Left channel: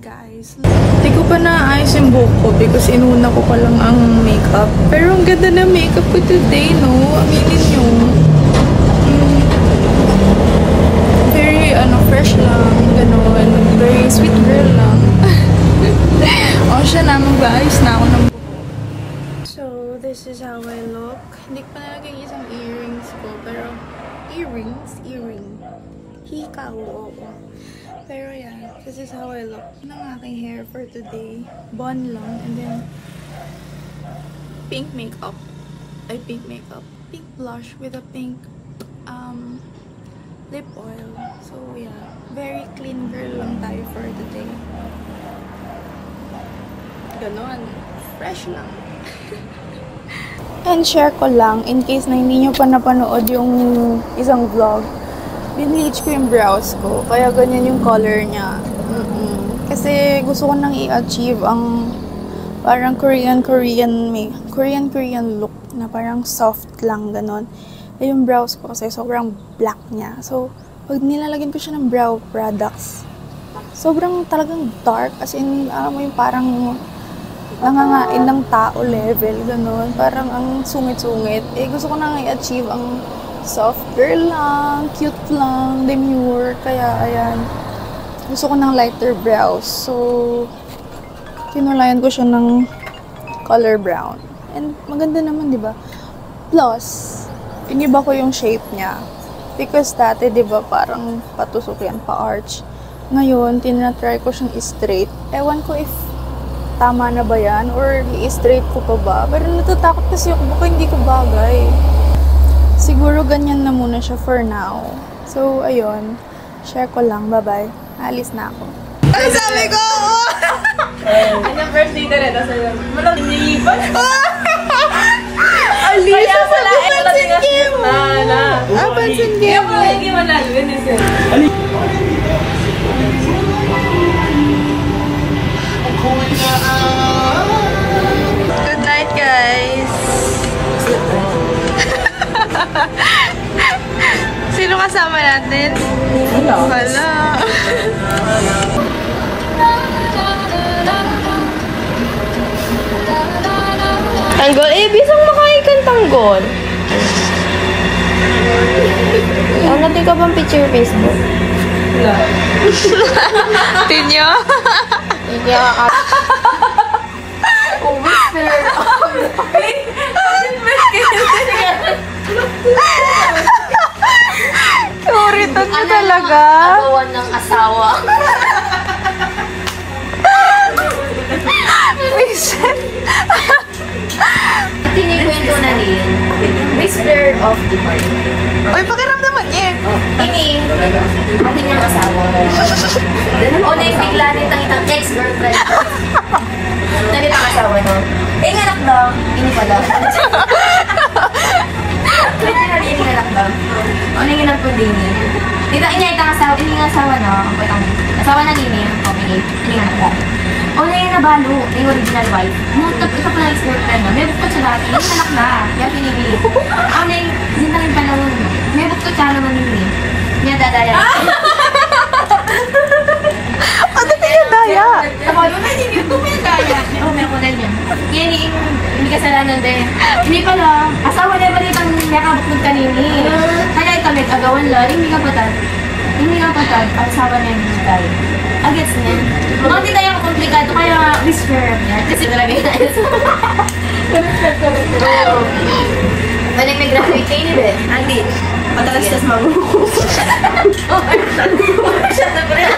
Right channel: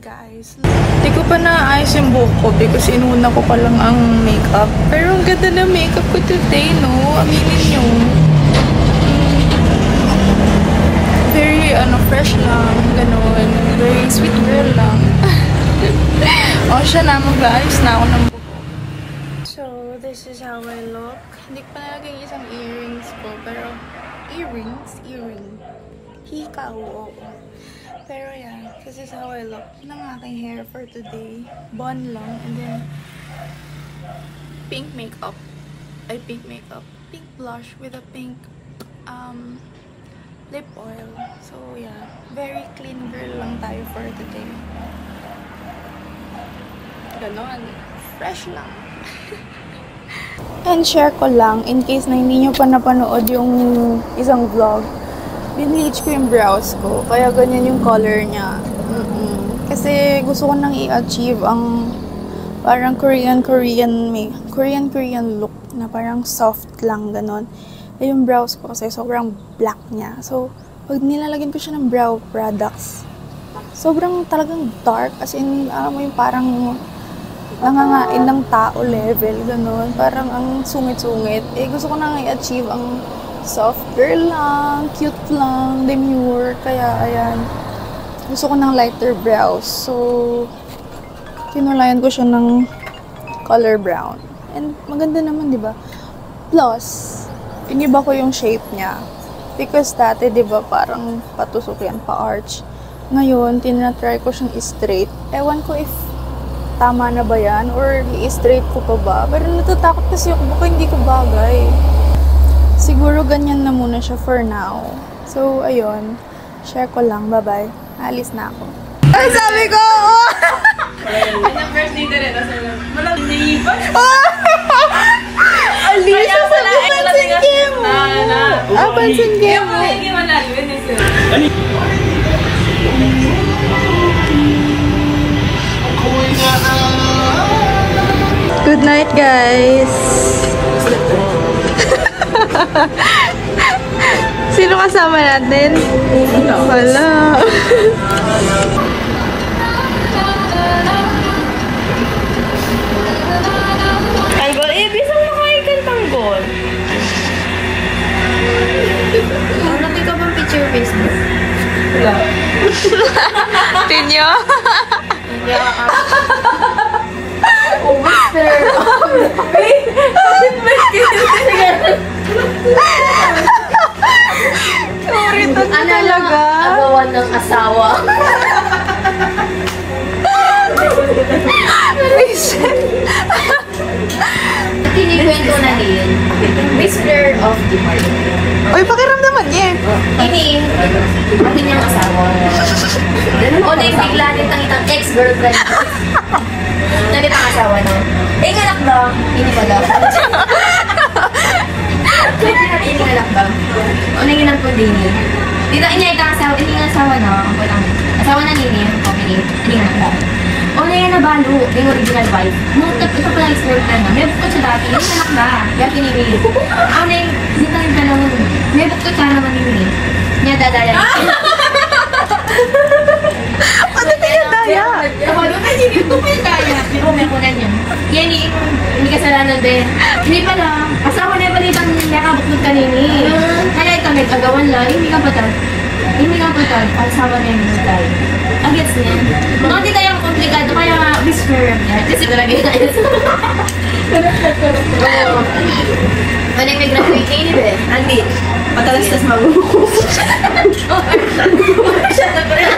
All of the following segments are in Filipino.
guys. Hindi ko pa naayos yung buhok ko because inuna ko pa lang ang makeup. Pero ang ganda na makeup ko today, no? Aminin nyo. Very, fresh lang. Ganon. Very sweet girl lang. O, siya na. Mag-aayos na ako ng buhok. So, this is how I look. Hindi ko pa nalagay isang earrings ko. Pero, earring. Hikaw, oo. Pero yan, this is how I look ng aking hair for today. Bun lang, and then pink makeup. Pink blush with a pink lip oil. So yeah, very clean girl lang tayo for today. Ganon. Fresh lang. And share ko lang, in case na hindi nyo pa napanood yung isang vlog, binleach ko yung brows ko, kaya ganyan yung color niya. Kasi gusto ko nang i-achieve ang parang Korean look na parang soft lang, ganon. Eh, yung brows ko kasi sobrang black niya. So, pag nilalagyan ko siya ng brow products, sobrang talagang dark. As in, alam mo yung parang nangangain ng tao level, ganon. Parang ang sungit-sungit. Eh, gusto ko nang i-achieve ang soft girl lang, cute lang, demure. Kaya, ayan. Gusto ko ng lighter brows. So, kinulayan ko siya ng color brown. And, maganda naman, di ba? Plus, iniba ko yung shape niya. Because dati, di ba, parang patusok yan, pa-arch. Ngayon, tinatry ko siyang i-straight. Ewan ko if tama na ba yan or i-straight ko pa ba. Pero natatakot kasi ako, baka hindi ko bagay. Siguro ganyan na muna siya for now. So, ayun. Share ko lang. Bye-bye. Alis na ako. Ang sabi ko! First dito rin. Walang liban. Alisa, sabi pansin kayo mo. Pansin kayo mo. Hindi manalo yun eh, sir. Good night, guys. Sino kasama natin? Wala. Tanggol? Eh, bisang makaikan tanggol. Natin ka bang picture Facebook? Wala. Tinyo? Oh, mister. Sorry, to talaga. Agawan ng asawa. Kinikwento na niyan. Mister of the party. Uy, pakiramdaman yan. Ini, ang kanyang asawa. O na yung bigla din itang ex-girlfriend. Dali pang asawa na. Eh, ngalak daw. Ini pala. Ini ngalak daw. O na yung nagpundin niya. Dito, ini ang asawa. Ini ang asawa na. Asawa na nini. Okay. Ini ngalak daw. O na yung nabalo. Yung original wife. Nagtap, isa pala ex-girlfriend na. May bukod sa dati. Ini ngalak na. Kaya kinili. O na yung, dito yung panahon. May bukod ka naman nini. Niya dadaya. Ano kaya daya? Ako, hindi ko may daya. Pero may kunan yan. Yan hindi kasalanan din. Hindi pala. Asawa na balitang nakabot ng kanini. Kaya ito nag-agawan lang. Hindi nga patag. Asawa na yung tayo. Agets niya. Mga hindi kayang komplikado. Kaya whisper niya. Kasi talaga yun tayo. Walang nag-graduate na yun eh. Ang beach. Patalastas mabuko. Siya na ko rin.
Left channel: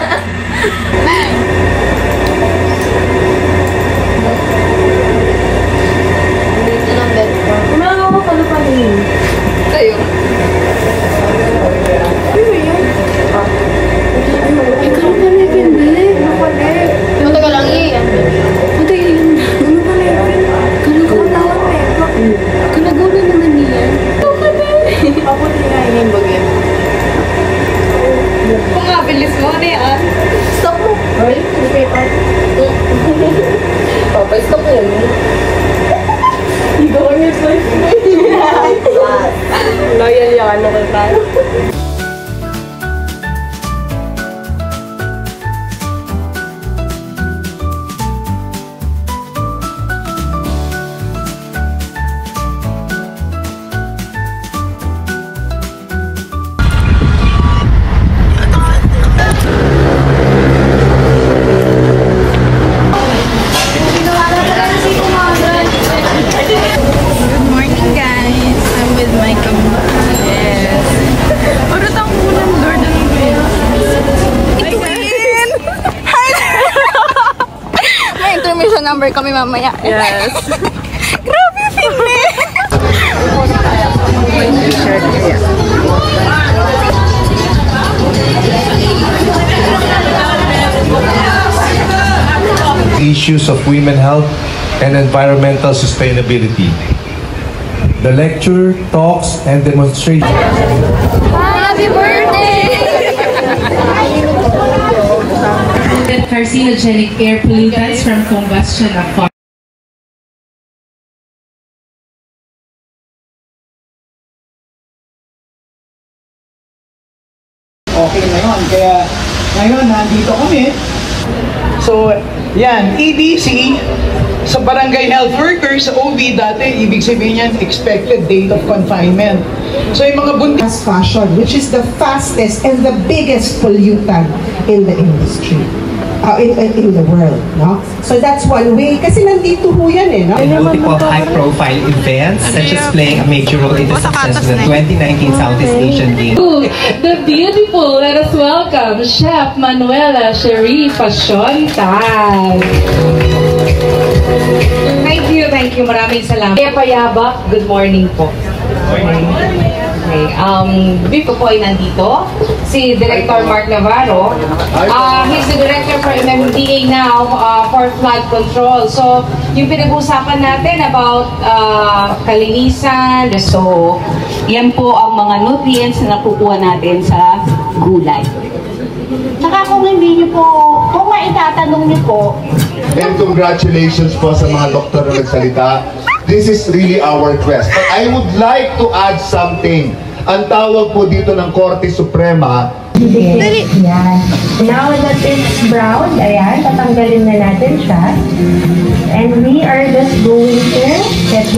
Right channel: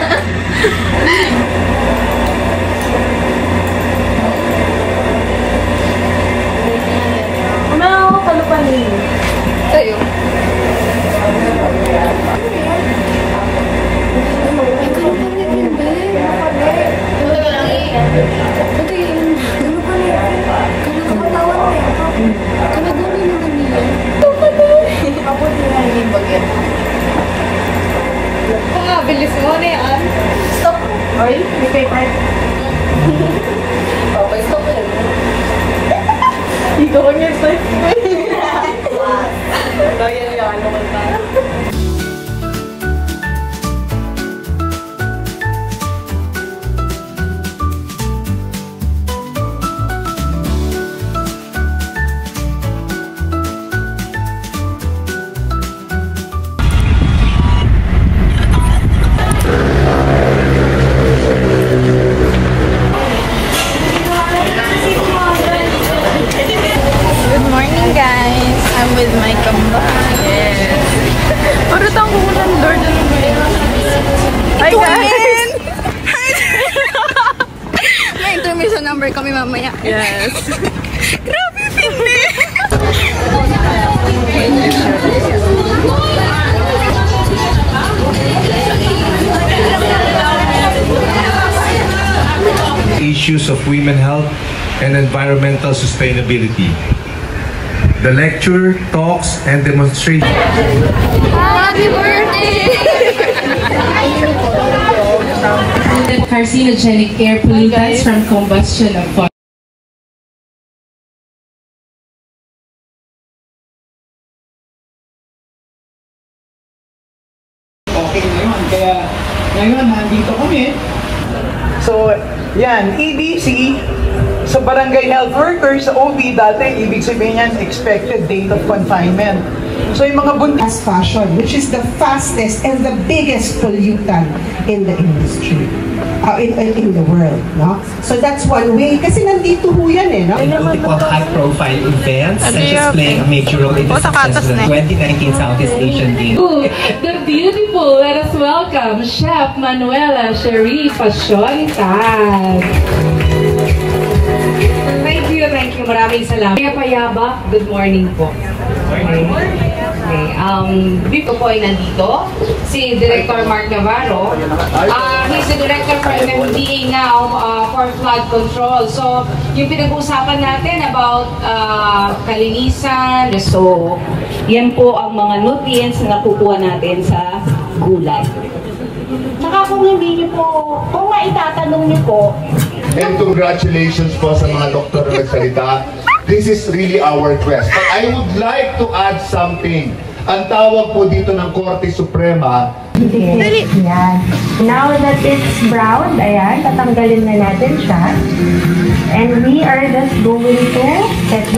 Umawa ka na pa rin. Tayo. Ikaw pa na yun, bale. Ano ka lang eh? Ano yun? Ano pa na yun? Kalagawin mo yan. Kalagawin naman niya. Ito ka na eh. Ako din na yung bagyan. Kung mabilis mo na yan. Stop mo. Right? Straight na. Okay, stop mo lang. Ikaw ang yung slice. Loyal yung ano ka tayo. member kami mamaya. Yes. Grabe, hindi! Issues of women health and environmental sustainability. The lecture, talks, and demonstration. Happy birthday! Carcinogenic air pollutants from combustion of fossil. Okay ngayon, kaya ngayon nandito kami. So, yan, EBC, sa barangay health workers, sa OB dati, ibig sabihin yan, expected date of confinement. So, yung mga buntis, Fast fashion, which is the fastest and the biggest pollutant in the industry, in the world, no? So that's one way, kasi nandito ho yan eh, no? In multiple high-profile events, such as playing a major role in the success of the 2019 Southeast Asian Games. The beautiful, let us welcome Chef Manuela Cherie Pasiontal. Thank you, maraming salamat. Kaya Payabak, good morning po. Before po ay nandito, si Director Mark Navarro. He's the Director for MMDA now for flood control. So, yung pinag-uusapan natin about kalinisan, so, yan po ang mga nutrients na nakukuha natin sa gulay. Saka kung hindi niyo po, kung maitatanong niyo po, and congratulations po sa mga doktor na nagsalita. This is really our quest. But I would like to add something. Ang tawag po dito ng Korte Suprema. Dali! Ayan. Now that it's brown, ayan, tatanggalin na natin siya. And we are just going to set this